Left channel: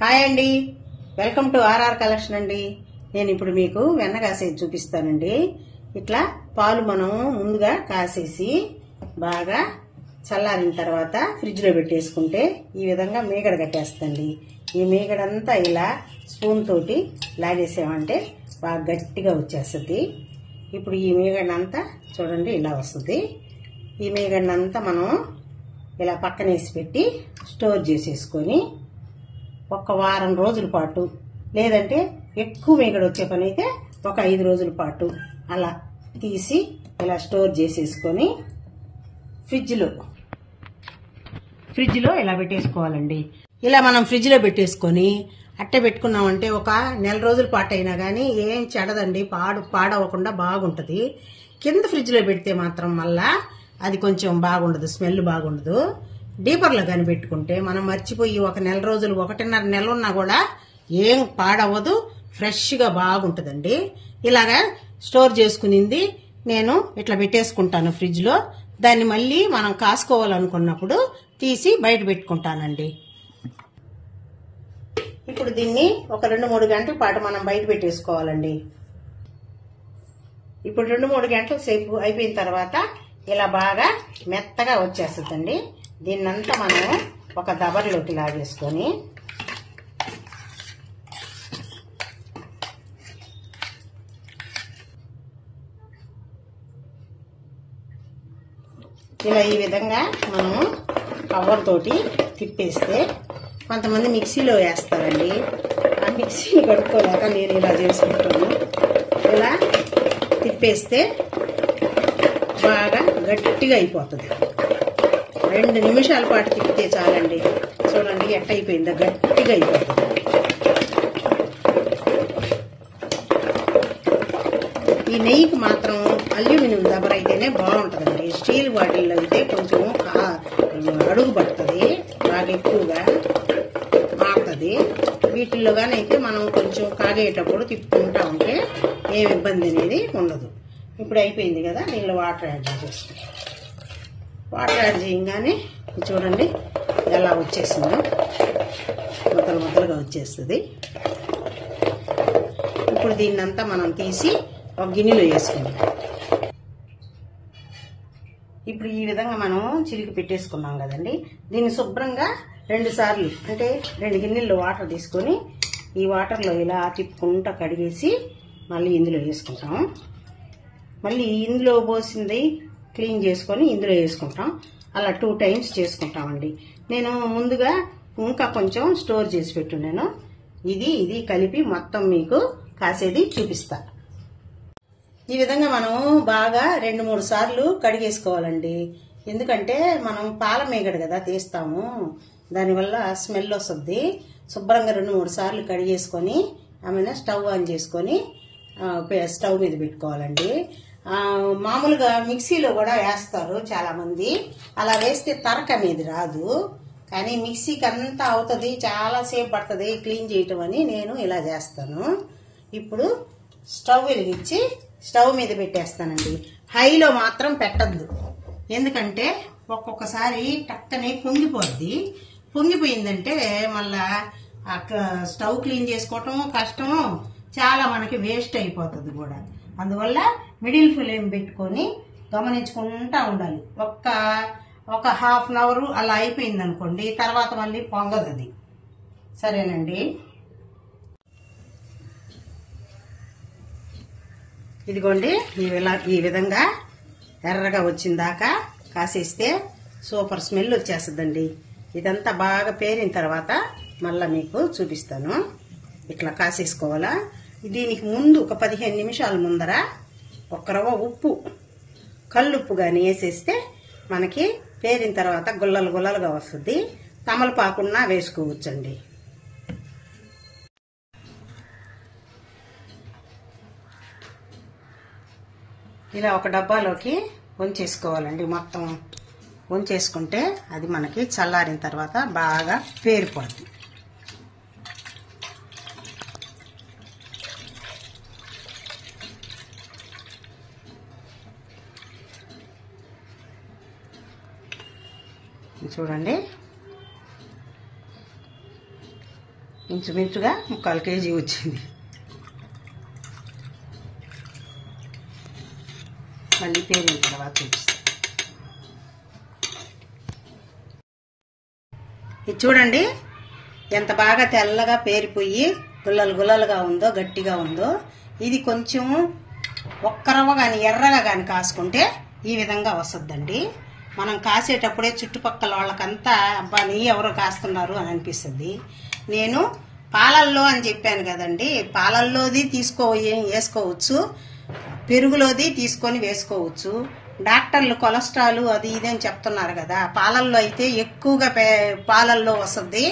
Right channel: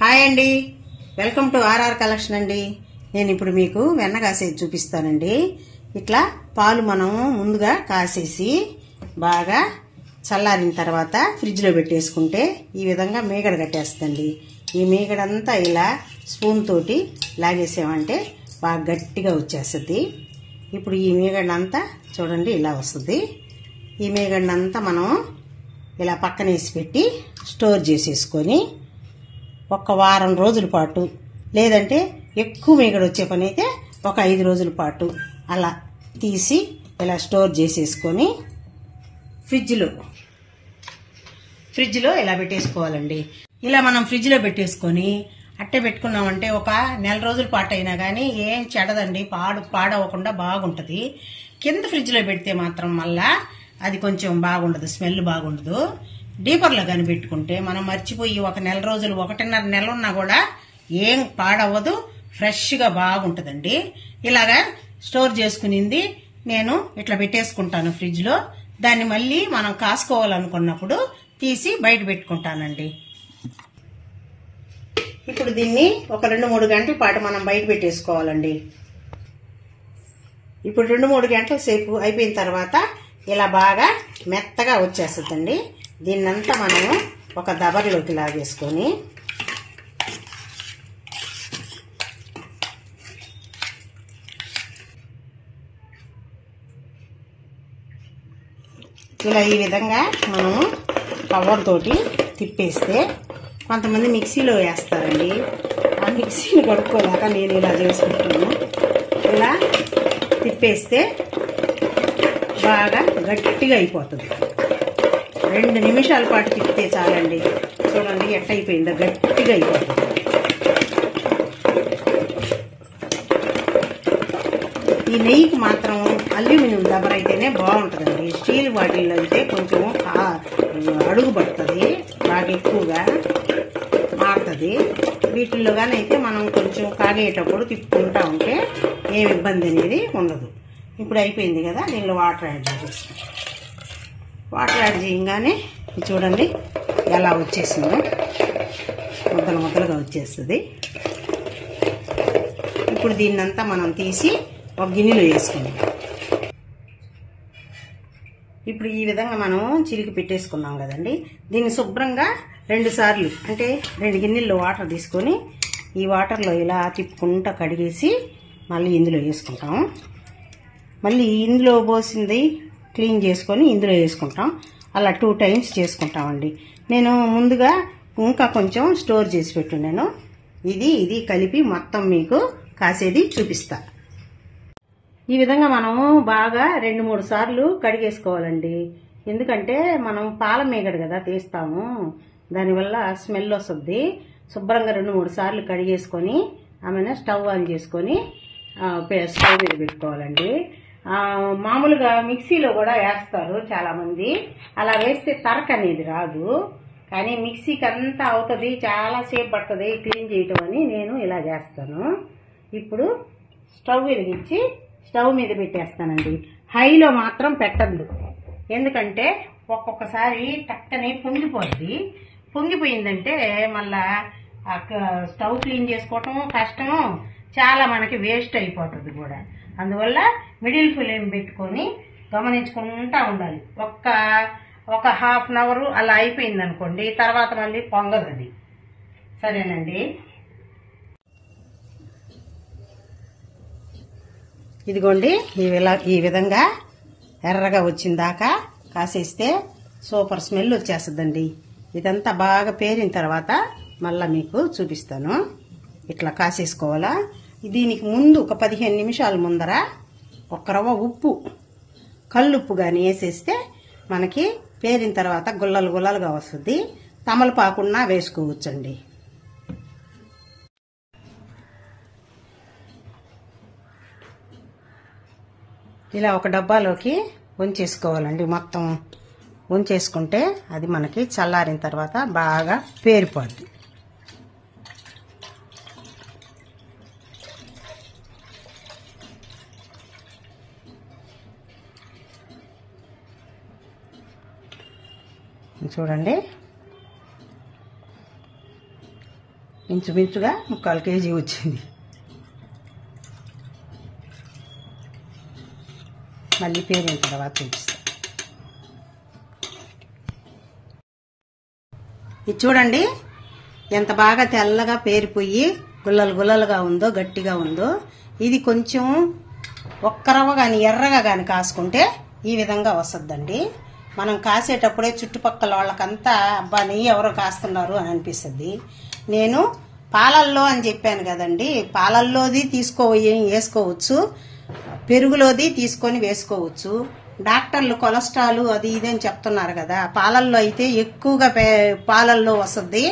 Hi అండి, welcome to RR collection అండి. నేను ఇప్పుడు మీకు వెన్న కాసేది చూపిస్తానండి. ఇట్లా పాలు మనం ముందుగా కాసేసి బాగా చల్లారిన తర్వాత ఫ్రిడ్జ్ లో పెట్టేసుకుంటే ఈ విధంగా మీగడ కట్టేస్తుంది. ఈ మీగడంతా ఇలా స్పూన్ తోటి లాగేసామంటే బాగా గట్టిగా వచ్చేస్తుంది. ఇప్పుడు ఈ మీగడంతా చూడండి ఇలా వస్తుంది. ఈ మీగడంతా మనం ఇలా పక్కనేసి పెట్టి స్టోర్ చేసేసుకొని ఒక వారం రోజుల పాటు, లేదంటే ఎక్కువ మీగడ వచ్చే పని అయితే ఒక 5 రోజుల పాటు అలా తీసి ఇలా స్టోర్ చేసేసుకొని ఫ్రిడ్జ్లో ఇలా పెట్టేసుకోవాలండి. ఇలా మనం ఫ్రిడ్జ్లో పెట్టేసుకొని అట్టే పెట్టుకున్నామంటే ఒక నెల రోజుల పాటు అయినా కానీ ఏం చెడదండి, పాడవకుండా బాగుంటుంది. కింద ఫ్రిడ్జ్లో పెడితే మాత్రం మళ్ళా అది కొంచెం బాగుండదు, స్మెల్ బాగుండదు. డీపర్లో కానీ పెట్టుకుంటే మనం మర్చిపోయి ఒక నెల రోజులు 1.5 నెలలు ఉన్నా కూడా ఏం పాడవదు, ఫ్రెష్గా బాగుంటుందండి. ఇలాగా స్టోర్ చేసుకునింది నేను ఇట్లా పెట్టేసుకుంటాను ఫ్రిడ్జ్లో. దాన్ని మళ్ళీ మనం కాసుకోవాలనుకున్నప్పుడు తీసి బయట పెట్టుకుంటానండి. ఇప్పుడు దీన్ని ఒక 2-3 గంటల పాటు మనం బయట పెట్టేసుకోవాలండి. ఇప్పుడు 2-3 గంటల సేపు అయిపోయిన తర్వాత ఇలా బాగా మెత్తగా వచ్చేస్తుందండి. దీన్నంతా మనము ఒక దబర్లోకి లాగేసుకొని ఇలా ఈ విధంగా మనము పవర్ తోటి తిప్పేస్తే, కొంతమంది మిక్సీలో వేస్తారండి. ఆ మిక్సీని కడుక్కోలేక నేను ఇలా చేసుకుంటాను. ఇలా తిప్పేస్తే బాగా గట్టిగా అయిపోతుంది. 2 నిమిషాల పాటు తిప్పితే చాలండి. చూడండి ఎట్ట అయిపోయిందో, గట్టిగా అయిపోతుంది. ఈ నెయ్యికి మాత్రం అల్యూమినియం దబర అయితేనే బాగుంటుందండి. స్టీల్ బాటిల్లో అయితే కొంచెం అడుగు పడుతుంది, బాగా ఎక్కువగా మారుతుంది. వీటిల్లో కానీ అయితే మనం కొంచెం కాగేటప్పుడు తిప్పుకుంటా ఉంటే ఏం ఇబ్బంది అనేది ఉండదు. ఇప్పుడు అయిపోయింది కదా, దీనిలో వాటర్ యాడ్ చేసేస్తాం. వాటర్ యాడ్ చేయగానే చూడండి ఎలా వచ్చేసిందో, ముద్దలుగా వచ్చేస్తుంది. ఇప్పుడు దీన్నంతా మనం తీసి ఒక గిన్నెలో వేసుకుందాం. ఇప్పుడు ఈ విధంగా మనం చిలికి పెట్టేసుకున్నాం కదండి. దీన్ని శుభ్రంగా 2 సార్లు, అంటే 2 గిన్నెల్లో వాటర్ తీసుకొని ఈ వాటర్లో ఇలా తిప్పుకుంటా కడిగేసి మళ్ళీ ఇందులో వేసుకుంటాం. మళ్ళీ ఇందులో పోసింది క్లీన్ చేసుకొని ఇందులో వేసుకుంటాం. అలా 2 టైమ్స్ చేసుకుంటామండి. నేను ముందుగా ఇంకా కొంచెం స్టోర్ చేసి పెట్టున్నాను. ఇది కలిపి మొత్తం మీకు కాసేది చూపిస్తా. ఈ విధంగా మనం బాగా 2-3 సార్లు కడిగేసుకోవాలండి. ఎందుకంటే మనం పాల మీగడ కదా తీస్తాము, దానివల్ల స్మెల్ వస్తుంది. శుభ్రంగా 2-3 సార్లు కడిగేసుకొని ఆమెను స్టవ్ ఆన్ చేసుకొని స్టవ్ మీద పెట్టుకోవాలండి. మామూలుగా మిక్సీలో కూడా వేస్తారు చాలా మంది. అలా వేస్తే తరక అనేది రాదు, కానీ మిక్సీకి అంతా అవుతుంది, చాలా సేపు పడుతుంది క్లీన్ చేయటం అని నేను ఇలా చేస్తాను. ఇప్పుడు స్టవ్ వెలిగించి స్టవ్ మీద పెట్టేస్తానండి. హైలో మాత్రం పెట్టద్దు, ఎందుకంటే ఒక్కొక్కసారి టక్కని పొంగిపోయిందంటే మళ్ళా స్టవ్ క్లీన్ చేసుకోవటం కష్టము, చాలా మనకి వేస్ట్ అయిపోతుంది కూడా. అందువల్ల మిడిల్ ఫ్లేమ్ పెట్టుకొని గమనించుకుంటా ఉండాలి. ఒక ½ అవర్ అలా అయిపోయింది అనుకోండి, తర్వాత మళ్ళీ పొంగదు అది. సరేనండి, ఇదిగోండి ఈ విధంగా ఎర్రగా వచ్చిందాకా కాసేస్తే సూపర్ స్మెల్ వచ్చేస్తుందండి. ఇదంతా బాగా పేరిన తర్వాత మళ్ళీ మీకు చూపిస్తాను. ఇట్లా కాసేసుకోవాలా. దీనికి ముందు ఒక 15 నిమిషాల ముందర ఒక రవ్వ ఉప్పు, కల్లుప్పు కానీ వేసేస్తే మనకి పేరిన తర్వాత గుల్లలుగా వస్తుంది. తమలపాకున్నా వేసుకోవచ్చండి. ఇలా ఒక డబ్బాలోకి వంచేసుకోవాలండి. మొత్తం వంచేసుకుంటే అది మనకి చల్లారిన తర్వాత బాగా పేరిపోద్ది. చూడండి ఇంచుమించుగా 1/4 కేజీ వచ్చింది. మళ్ళీ పేరిన తర్వాత చూపిస్తాను. ఇది చూడండి ఎంత బాగా తెల్లగా పేరిపోయి గుల్లలు గుల్లలుగా ఉందో, గట్టిగా ఉందో. ఇది కొంచెం ఒక్కరవ గాని ఎర్రగా గాని కాసుకుంటే ఈ విధంగా వస్తుందండి. మనం కాసేటప్పుడే చుట్టుపక్కల వాళ్ళకంతా అబ్బా నెయ్యి ఎవరో కాస్తున్నారు అని అనిపిస్తుంది. నేను పాలల్లో అని చెప్పాను కదండి, పాలల్లోది వేసుకోవచ్చు, పెరుగులోది తీసుకొని వేసుకోవచ్చు. డాక్టర్లు కొలెస్ట్రాల్ అది ఇది అని చెప్తున్నారు కదా, పాలల్లో అయితే ఎక్కువగా పాలల్లో వస్తుంది.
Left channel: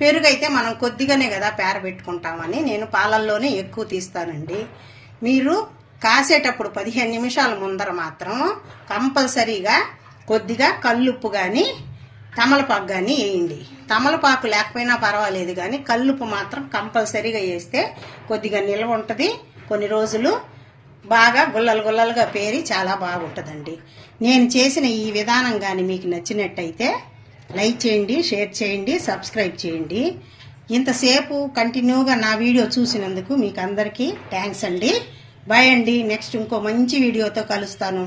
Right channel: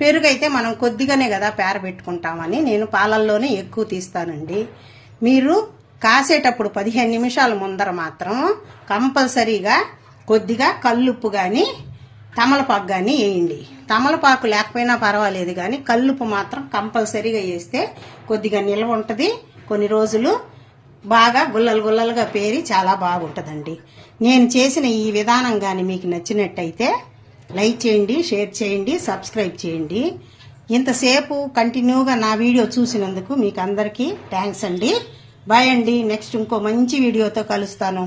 పెరుగు అయితే మనం కొద్దిగానే కదా పెట్టుకుంటామని నేను పాలల్లోనే ఎక్కువ తీస్తానండి. మీరు కాసేటప్పుడు 15 నిమిషాల ముందర మాత్రం కంపల్సరీగా కొద్దిగా కల్లుప్పు గాని తమలపాకు గాని వేయండి. తమలపాకు లేకపోయినా పర్వాలేదు గాని కల్లుప్పు మాత్రం కంపల్సరీగా వేస్తే కొద్దిగా నిల్వ ఉంటది. కొన్ని రోజులు బాగా గుల్లలు గుల్లలుగా పేరి చాలా బాగుంటదండి. నేను చేసిన ఈ విధానం గాని మీకు నచ్చినట్టయితే లైక్ చేయండి, షేర్ చేయండి, సబ్స్క్రైబ్ చేయండి. ఇంతసేపు కంటిన్యూగా నా వీడియో చూసినందుకు మీకు అందరికీ థ్యాంక్స్ అండి. బాయ్ అండి. నెక్స్ట్ ఇంకో మంచి వీడియోతో కలుస్తాను.